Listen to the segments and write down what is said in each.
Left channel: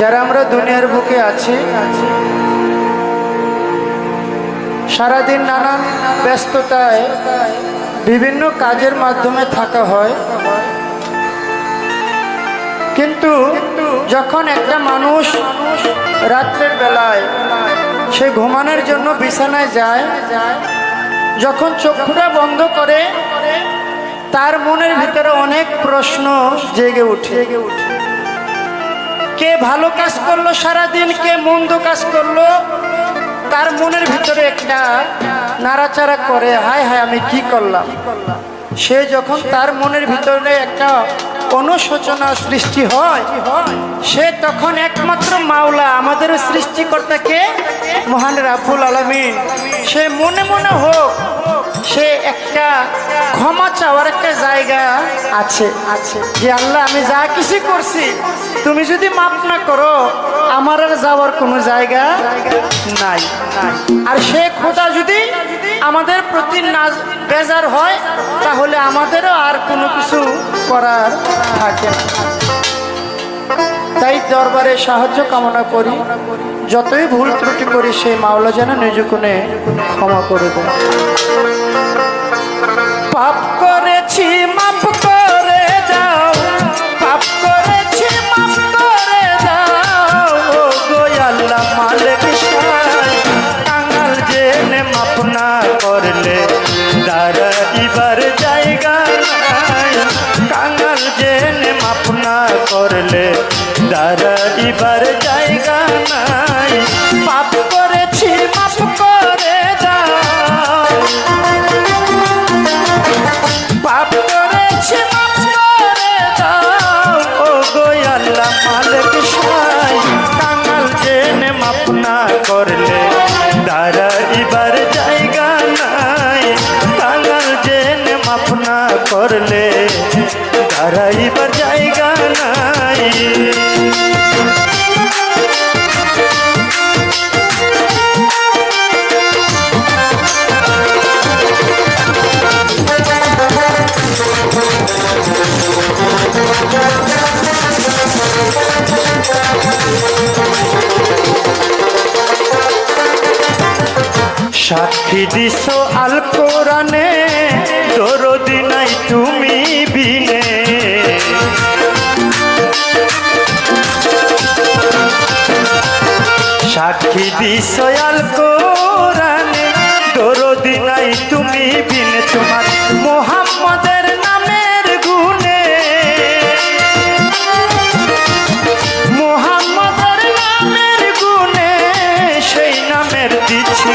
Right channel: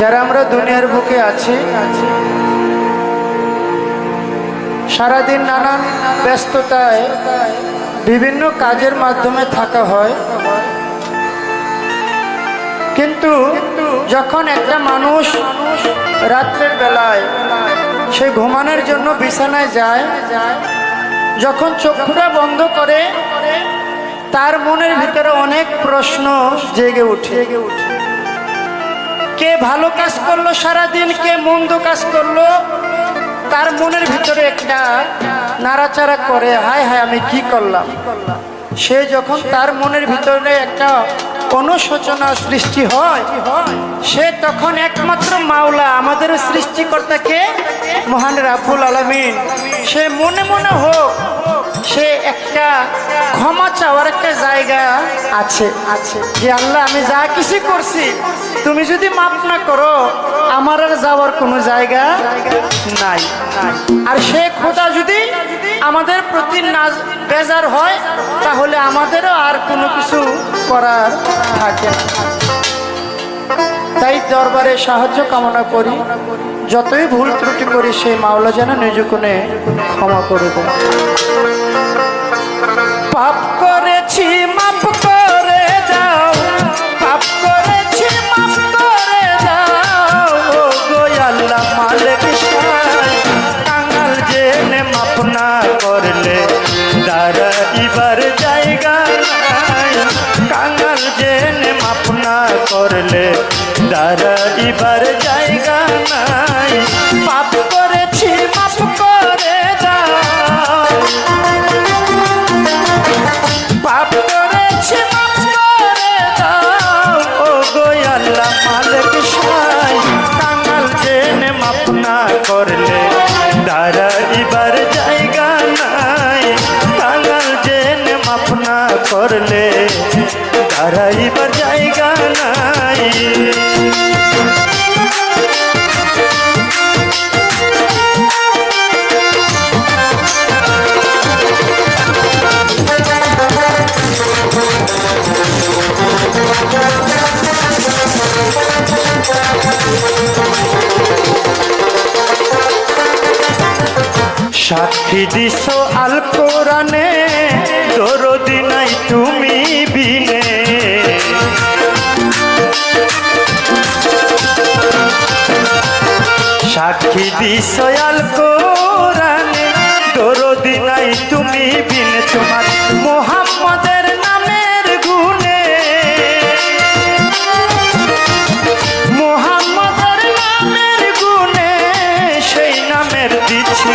যারা আমরা দুনিয়ার বুকে আছি, সারাদিন নানান ব্যস্ততায় বিভিন্ন কাজের মাধ্যমে থাকা হয়। কিন্তু যখন একটা মানুষ রাত্রের বেলায় সে ঘুমানোর জন্য বিছানায় যায়, যখন চক্ষুটা বন্ধ করে, তার মনের ভিতরে অনেক প্রশ্ন জেগে উঠে। কে ভালো কাজ করল, সারাদিন কে মন্দ কাজ করল, তার মনের ভিতরে একটা নাড়াচাড়া করে, হায় হায়, আমি কি করলাম? সে যখন তার মনের ভিতরে একটা অনুশোচনা সৃষ্টি হয়, সে তখন একমাত্র মাওলা, আমাদের সৃষ্টিকর্তাকে মহান রাব্বুল আলমিন। সে মনে মনে হোক সে একটা ক্ষমা চাওয়ার একটা জায়গা আছে। আছে যে আল্লাহ, আমি যা কিছু করছি, তুমি যদি মাপ না করো, আমার আর যাওয়ার কোনো জায়গা নাই। আর সে খোদা যদি আমাদের প্রতি না বেজার হয়, তাহলে আমাদেরও আর কোনো কিছু করার থাকে না। তাই দরবারে সাহায্য কামনা করি। যতই ভুল ত্রুটি করি সেই মাওলা যেন নিজকুনে ক্ষমা করে দেয়। পাপ করেছি মাপ করে দাও। পাপ করেছি মাপ করে দাও। ও গো আল্লাহ মালিক সাই কাঙ্গাল জেনে মাপ না করলে দাঁড়া ইবার জায়গা নাই। কাঙ্গাল জেনে মাপ না করলে দাঁড়া ইবার জায়গা নাই। পাপ করেছি মাপ করে দাও। দাঁড়াইবার জায়গা নাই। সাক্ষী দিস আল কোরআনে, দরদি নাই তুমি বিনে। সাক্ষী দিস আল কোরআনে, দরদি নাই তুমি বিনে। তোমার মোহাম্মদের নামের গুণে। মোহাম্মদের নামের গুণে সেই নামের দিচ্ছি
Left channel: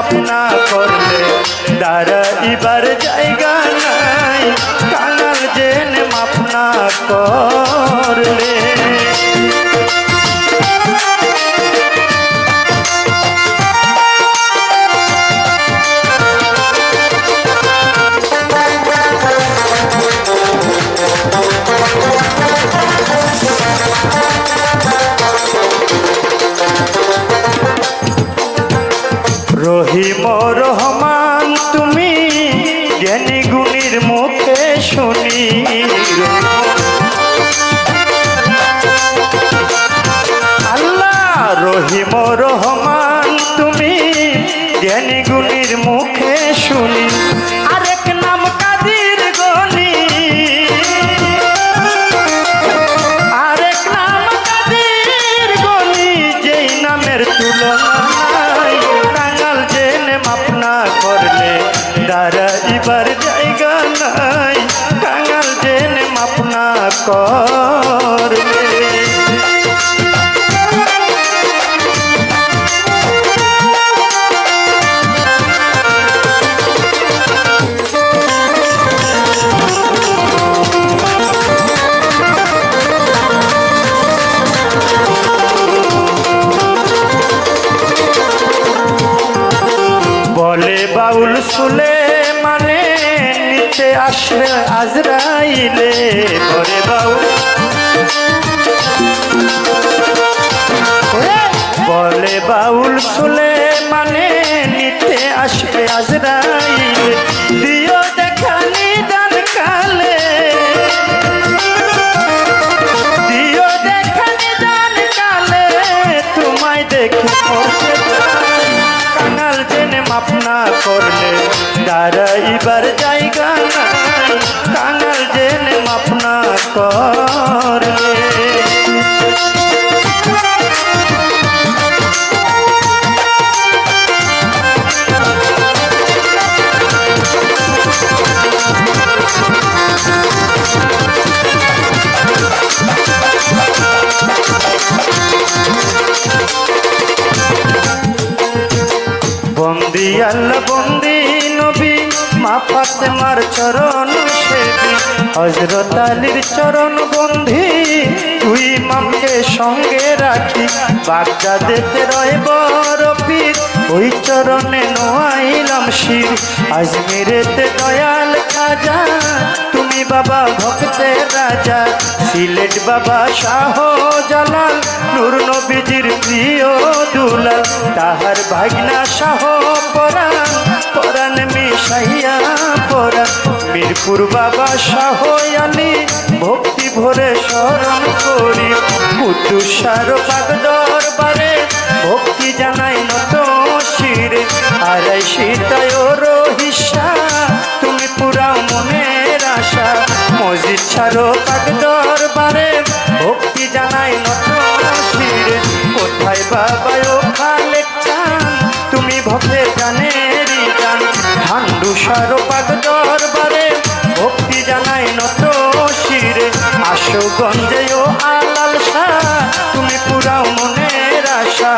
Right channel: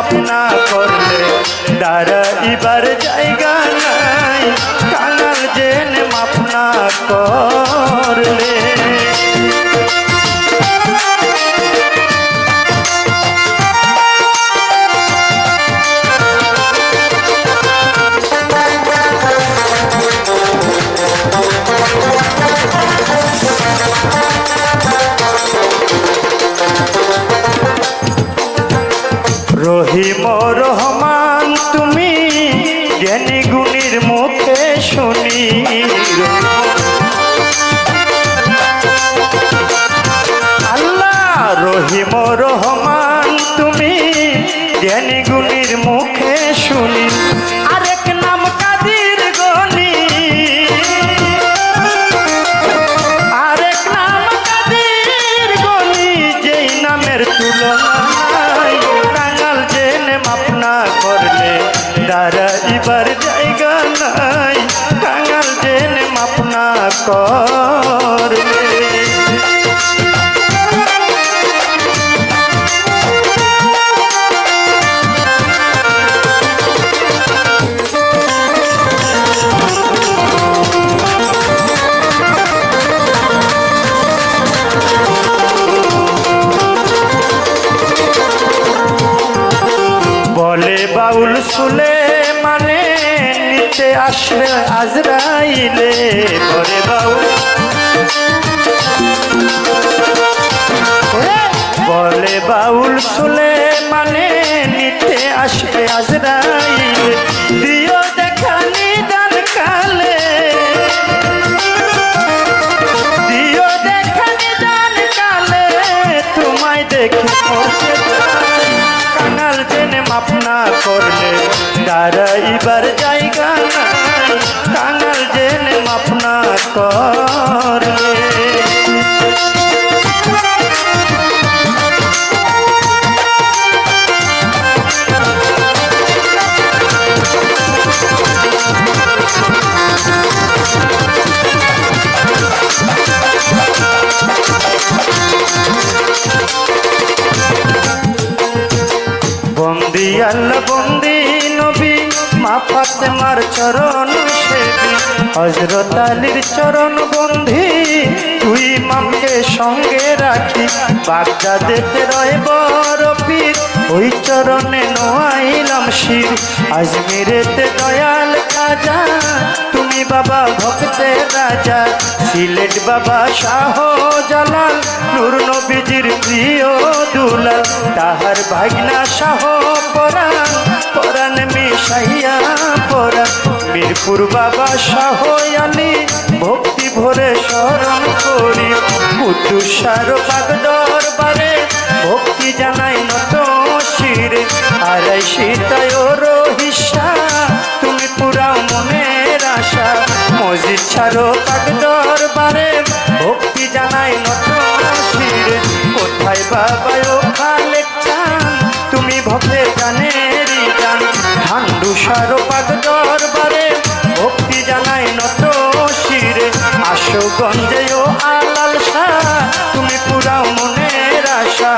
জেনে মাপ না করলে দাঁড়াইবার জায়গা নাই। কাঙাল জেনে মাপ করলে। আসবে, আজরাইলে ধরে বাউ বলে বাউল শুলে মানে নিতে আসবে আজরাইল, দিও দেখা নিদান কালে। দিও দেখা নিদান কালে, তোমায় দেখে মাপ না করলে দাঁড়াইবার জায়গা নাই। কাঙাল জেনে মাপ না করলে আল্লাহ বন্দি নবী, মা ফাতেমার চরণ সেবি। হজরত আলীর চরণ বন্ধি তুই মামকে সঙ্গে রাখি। বাগদাদেতে রয় পীর, ওই চরণে নোয়াইলাম শির। আজমিরেতে দয়াল খাজা তুমি বাবা ভক্তের রাজা, সিলেট বাবা শাহ জালাল, নূর নবীজির প্রিয় দুলাল, তাহার ভাগনা শাহ পরাণ পরাণ মিশাইয়া পরাণ। মিরপুর বাবা শাহ আলী, ভক্তি ভরে স্মরণ করি কুতুষার পাক দরবারে ভক্তি জানাই নত শিরে। আড়াই সীতায় রহিসা, তুমি পুরা মনের আশা। মসজিদ ছাড়ো পাক দরবারে, ভক্তি জানাই নত শিরে কোথায় বাবা ও খালেক চান? তুমি ভক্তের জানেরই জান ঠান্ডু সারো পাক দরবারে, ভক্তি জানাই নত শিরে আসো গঞ্জে ও আলাল তুমি পুরাও মনের আশা।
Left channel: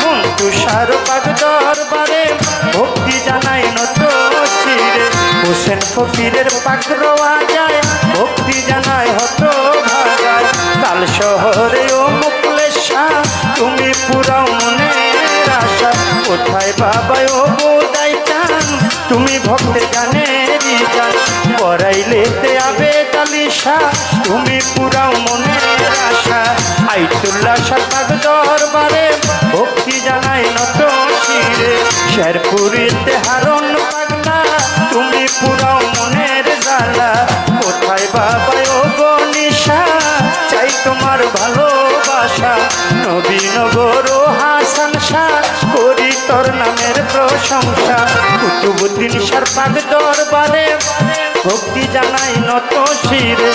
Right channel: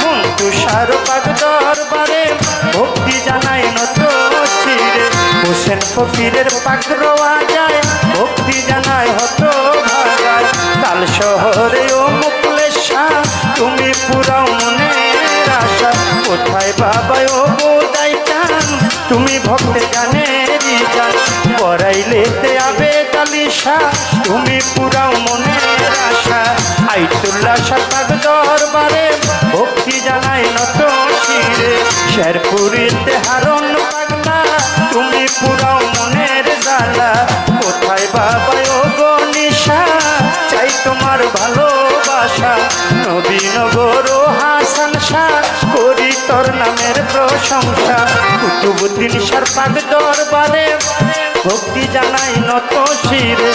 মন তুষার পাক দরবারে, ভক্তি জানাই নত শিরে হোসেন ফকিরের পাক রোয়া যায় ভক্তি জানাই হত ভাগায় কাল শহরে ও মুকলেশ, তুমি পুরাও মনের আশা। কোথায় বাবা ও বোধাই চান, তুমি ভক্তে জানেরই জান পড়াইলেতে আবে তালিশা তুমি পুরাও মনের আশা। আইতুল্লাহ সাতাক দরবারে ভক্তি জানাই নত শিরে। শেরপুরিতে হারণ পাগলা তুমি পুরাও মনের জালা কোথায় বাবা ও গনিশা চাই তোমার ভালোবাসা। নবীনগর হাসান শাহ করি তোর নামের প্রশংসা। কুতুবুদ্দিন সার পাক দরবারে ভক্তি জানাই নত শিরে।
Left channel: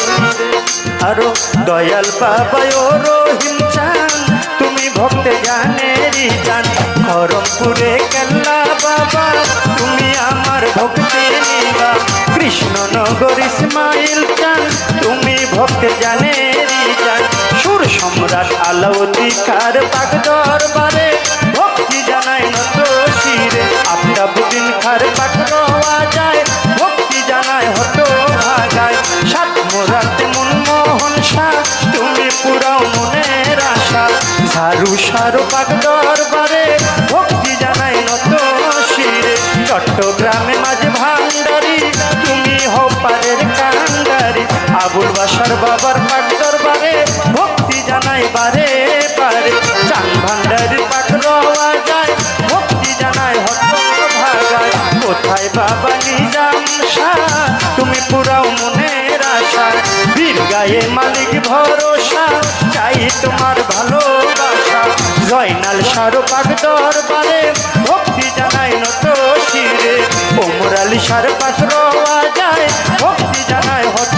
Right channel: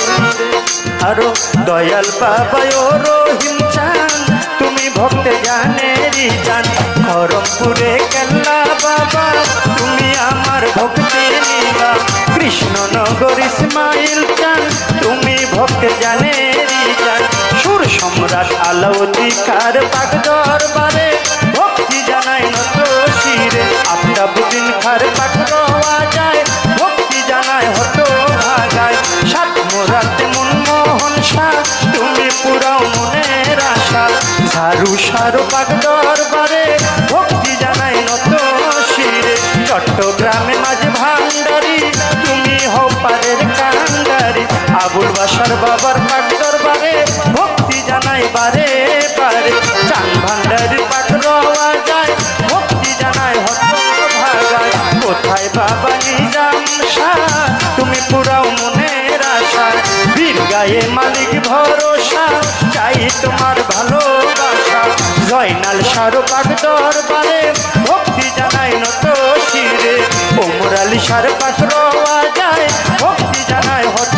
আরও দয়াল বাবা ও রহিম চান, তুমি ভক্তে জানেরই জান খরমপুরে কেল্লা বাবা ভক্তি নিবা কৃষ্ণনগর ইসমাইল চান তুমি ভক্তে জানেরই জান। সুর সম্রাট আলাউদ্দিকার পাক দরবারে ভক্তি জানাই নত শিরে। আফতাবুদ্দিন খার পাক রওয়া যায়, ভক্তি জানাই হতো ভাগায়। সাত মোরাতে মনমোহন শাহ, তুমি পুরাও মনের আশা। ঝাড়ু সারো পাক দরবারে ভক্তি চট্টগ্রামে মাঝে ভান্ডারি, তুমি হও পারের কান্ডারি। আবুল বাসার বাবার পাক দরবারে, ভক্তি জানাই বারে পারে চান ভান্ডারি পাক রওয়া যায় তুমি পুরাও মনের আশা বীর গায়ে মালিক ভরসা, চাই তোমার ভালোবাসা। জয়নাল সারো পাক দরবারে ভক্তি জানাই নত শিরে ওমর আলী সার পাক রওয়া যায়, ভক্তি জানাই হত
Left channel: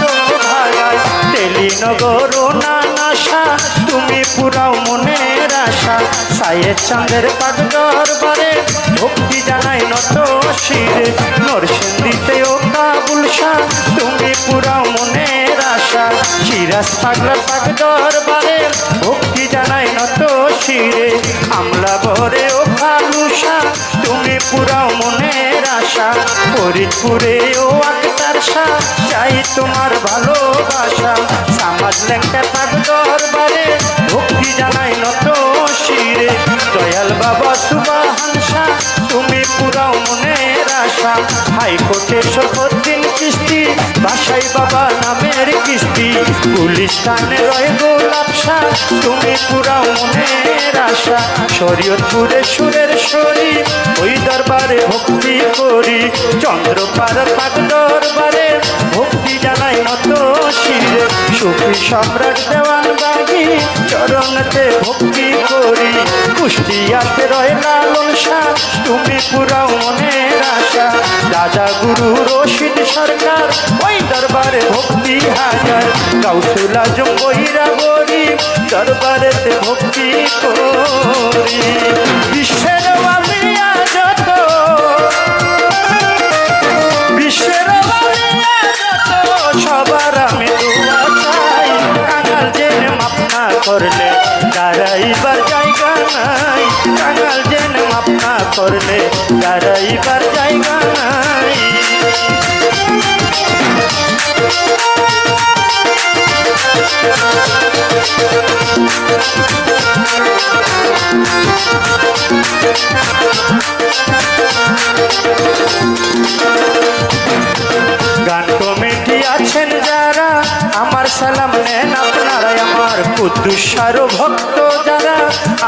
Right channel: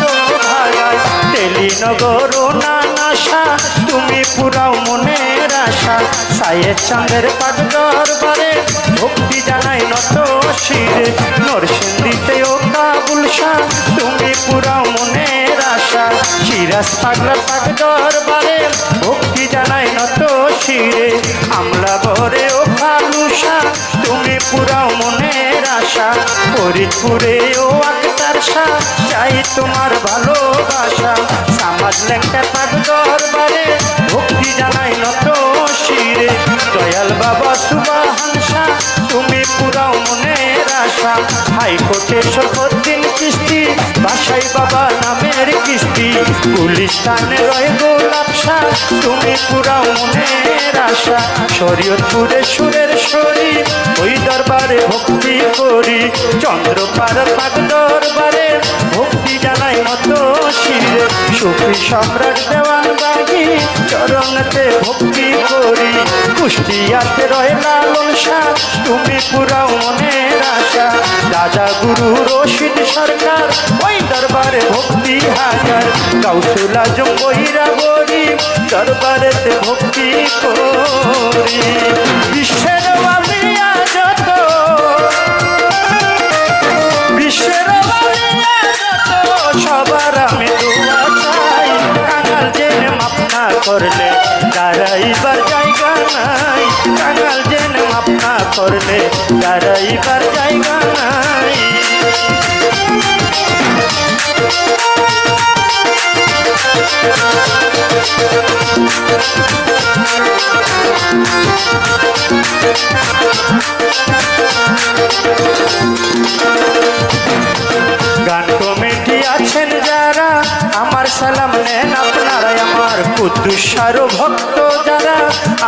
ভাগায় তেলিনগর ও নানাশা তুমি পুরাও মনের আশা। সায়ের চাঁদের পাট দরবারে ভক্তি জানাই নত শিরে। নরসিন্দিতে ও কাবুল শাহ, তুমি পুরাও মনের আশা। সিরাজ পাগলা পাক দরবারে ভক্তি নত শিরে আমলা ভরে ও ফালুসা তুমি পুরাও মনের আশা, ফরিদপুরে ও আক্তার শাহ, চাই তোমার ভালোবাসা। সামাজ লেখা তার দরবারে, ভক্তি জানাই নত শিরে, দয়াল বাবা সুবাহান শাহ আসাম হাইকোর্টে সর্বদিন কিস্তি। বাসাই বাবা নামের কিস্তি। পুলিশ থানে রয়ে গোলাপসা তুমি পুরাও মনের আশা। শরীয়তপুরে সুরের শরী ওই দরবারে ভক্তি করি। চন্দ্রপার পাক দরবারে ভক্তি জানাই নত শিরে। সুফি সম্রাট দেওয়ান বাগি, চরণতে ভক্তি করি। কুষ্টিয়াতে রয় লালন শাহ তুমি পুরাও মনের আশা। রাজা গুরু রশিদ সরকার, ওই দরবারে ভক্তি হাজার। কাউসুল আজম বহিরা বলি দরবারেতে ভক্তি করি। বিশ্বের আমিয়া যত করলে দাঁড়াইবার জায়গা নাই কাঙাল জেন মাপ না করলে দাঁড়াইবার জায়গা নাই। গান আমার সালাম নেন আপনারা, আমার কুদ্দুসার ভক্ত যারা।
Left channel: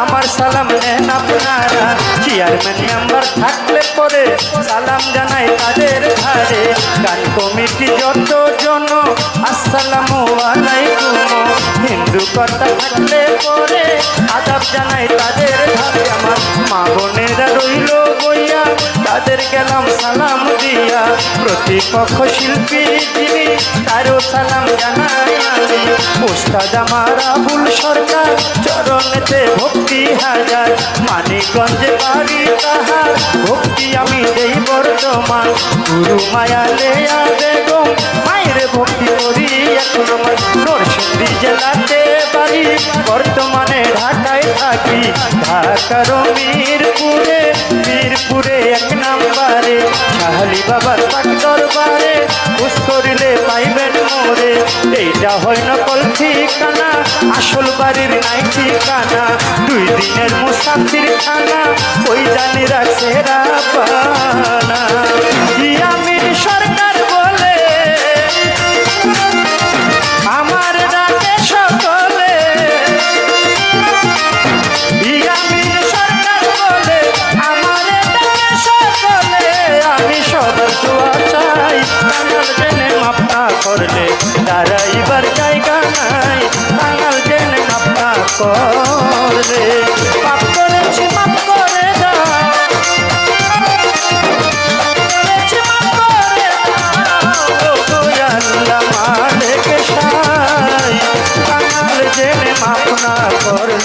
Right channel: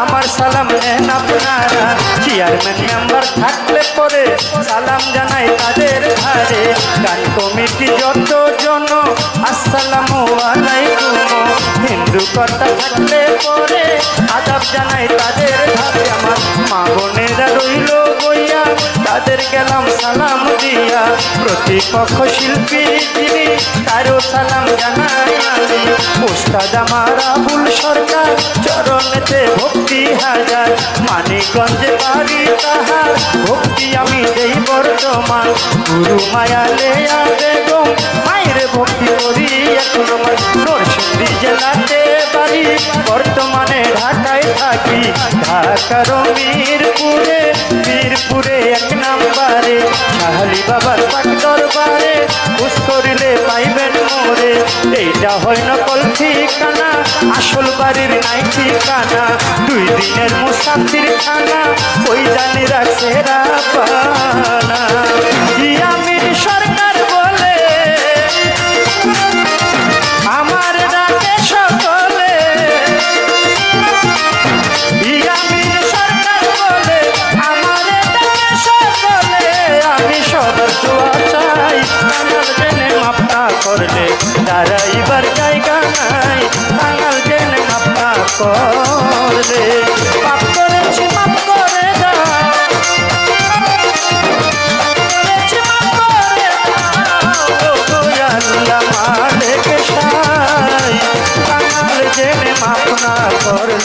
আমার সালাম নেন আপনারা চেয়ারম্যান মেম্বার থাকলে পরে সালাম জানাই তাদের ধারে গান কমিটি যত জন আসসালামু হিন্দু কথা থাকলে পরে আদাব জানাই তাদের ধারে আমার মা বোনেরা রইল বইয়া তাদের গেলাম সালাম দিয়া। প্রতিপক্ষ শিল্পী, যিনি তারও সালাম জানাই। আমি ওস্তাদ আমার আবুল সরকার, চরণেতে ভক্তি হাজার। মানিকগঞ্জে বাড়ি তাহার, ভক্তি আমি দেই বর্তমান গুরু মায়া লেয়া বেগম, মায়ের ভক্তি এখন আমার নরসিংদী জেলাতে বাড়ি। বর্তমানে ঢাকায় থাকি ঢাকার মিরপুরে মিরপুরে এক নাম্বারে। শাহালি বাবার পাক দরবারে খুশ করিলে পাইবেন মোরে। এইটা হয় নকল ঠিকানা, আসল বাড়ির নাই ঠিকানা। দুই দিনের মুসাফির খানা ওই জানি রাখছে রাপানা আমি সরকার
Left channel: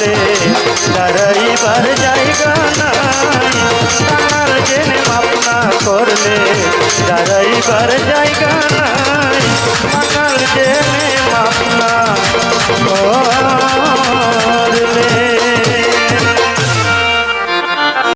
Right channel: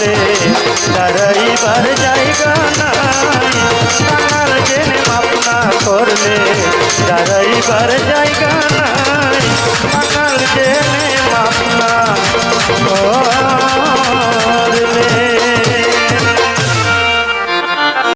করলে দাঁড়াইবার জায়গা নাই। তার জেনে মাপনা করলে দাঁড়াইবার জায়গা নাই। তার জেনে মাপনা করলে।